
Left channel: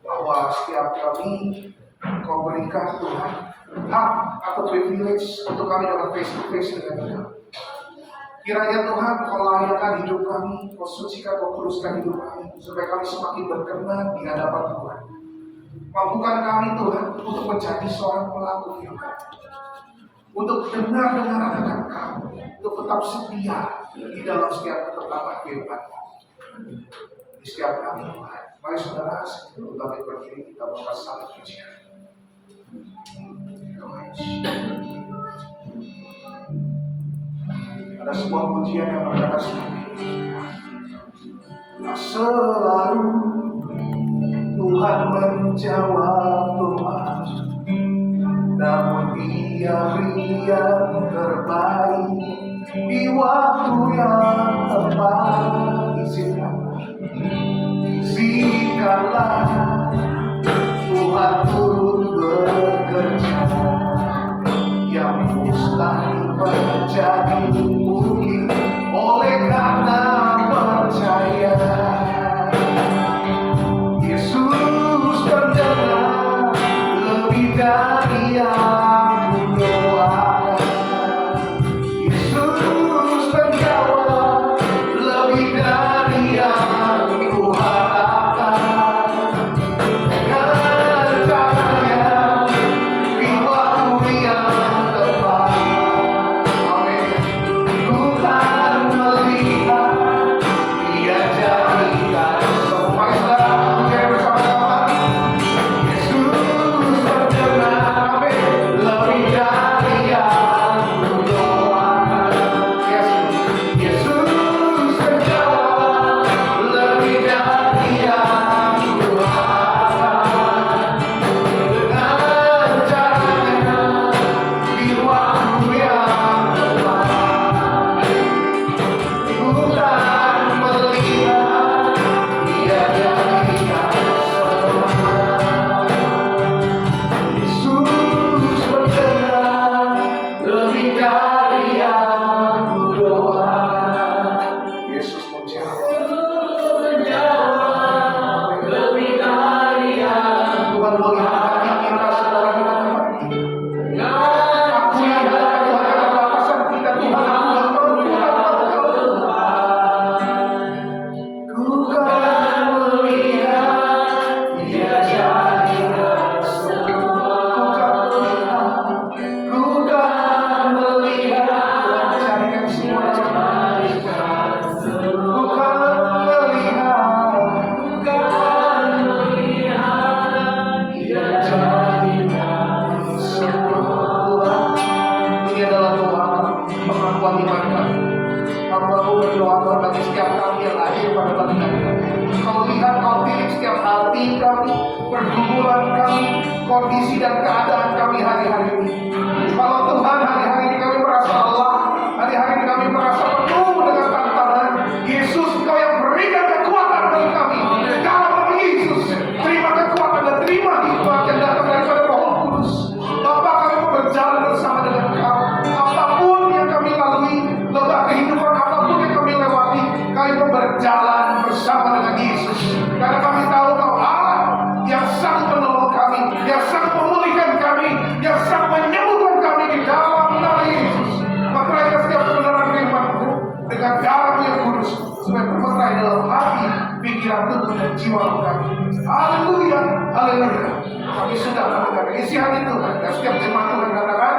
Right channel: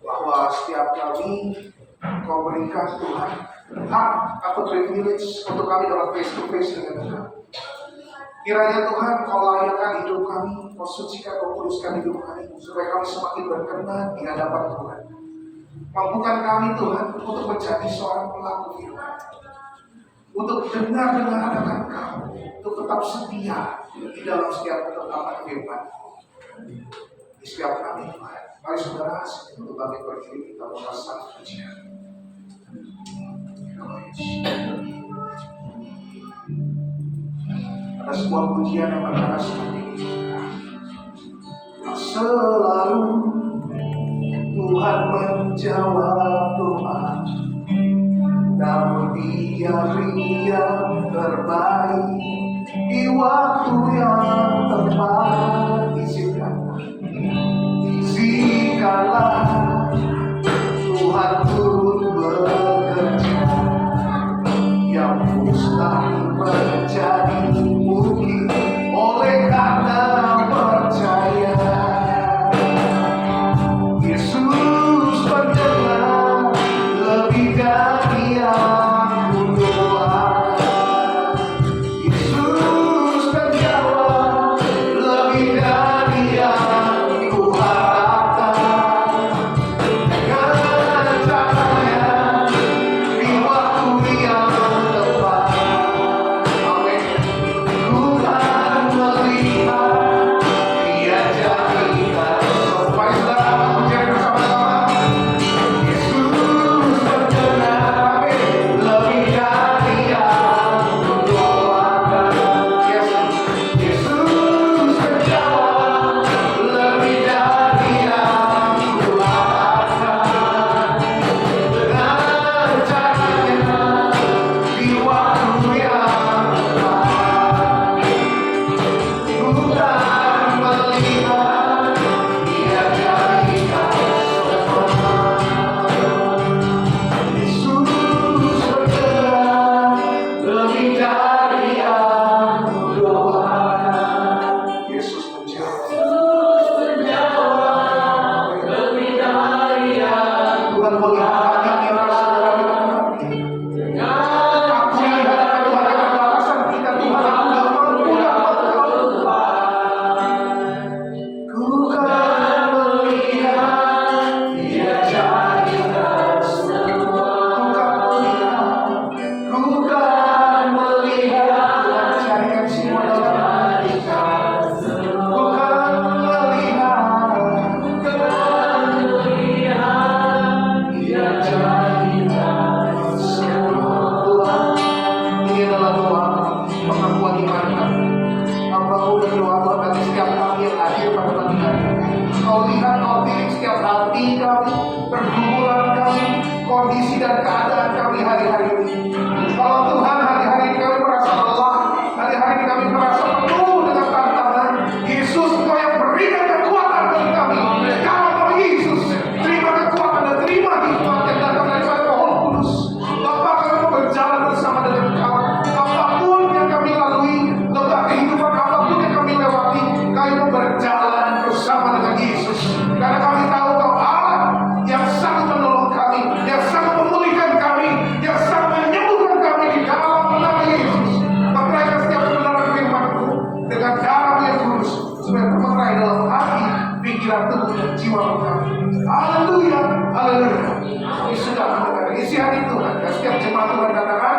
bahwa setiap kali Kau berikan Tuhan hak atau privilege untuk kami dalam face to face dengan Tuhan. Kiranya Tuhan Kau layakan hidup kami, Kau sucikan, Kau kuduskan hidup kami, supaya kami semakin berkenan di hadapan Tuhan. Mampukan kami Tuhan untuk menjadi seorang pelaku firman, untuk dengar akan Kau, untuk tetap setia di dalam setiap ketetapan firman di setiap kami Tuhan. Mari saudara, untuk bangkit berdiri, kita buka satu pujian. Ada sebuah pujian yang berkata seperti ini. Selalu Tuhan menjawab doa, namun Dia beri yang terbaik di waktu yang tepat. Izinkanlah Tuhan turut bekerja, yang mustahil menjadi mungkin oleh karena percaya. Yesus mendengar lebih dari yang kudoakan. Yesus menjawab lebih dari yang kuharapkan. Dengan caranya di waktu yang tepat. Amin. Tuhan melihat, Dia jadikan semua. Mari saudara pujian bersama-sama. Yesus mendengar, amin, lebih dari yang kudoakan. Yesus menjawab lebih dari yang kuharapkan. Dengan caranya di waktu yang tepat. Tuhan melihat, Dia jadikan semua. Yesus mendengar lebih dari yang kudoakan. Yesus menjawab lebih dari yang Tuhan melihat hati kita, saudara kita kembali. Aku lihat Tuhan keterbatasan kita, Tuhan aku gak mampu tanpa Engkau Tuhan. Ku kan melihat, Dia jadikan semua. Ku kan melihat, Tuhan jadikan semua dalam hidup kita. Ku kan melihat, Dia jadikan semua. Tuhan, ini adalah doa pengakuan iman kami. Hamba-Mu berdoa Tuhan bagi setiap kami yang lahir pada pagi hari ini. Kau lihat, Kau pilih setiap hati kami, pergumulan kami, kondisi dan keadaan kami hari-hari ini. Kalau Tuhan hari-hari ini kami merasa lelah, hari-hari ini kami merasa penuh dengan tantangan, Yesus Engkau yang berikan kekuatan bagi kami. Dalam nama Yesus, terima kekuatan dan terima hikmat yang datang daripada Roh Kudus. Bapa, kami mau berjalan bersama dengan Kau. Apapun yang kami lalui, lembah kehidupan apapun yang kami lewati, kami mau berjalan bersama dengan Yesus. Karena kami tahu Kau Allah yang sangat menolong kami, yang sangat memulihkan kami, yang sangat menyembuhkan kami di dalam nama Yesus. Meteraikan setiap kebenaran firman-Mu dengan darah yang kudus, supaya memeterai dalam hati, pikiran, tubuh, dan jiwa kami. Haleluya, haleluya. Kami sudah mendengar isi hati Tuhan, dan setiap jemaat Tuhan katakan,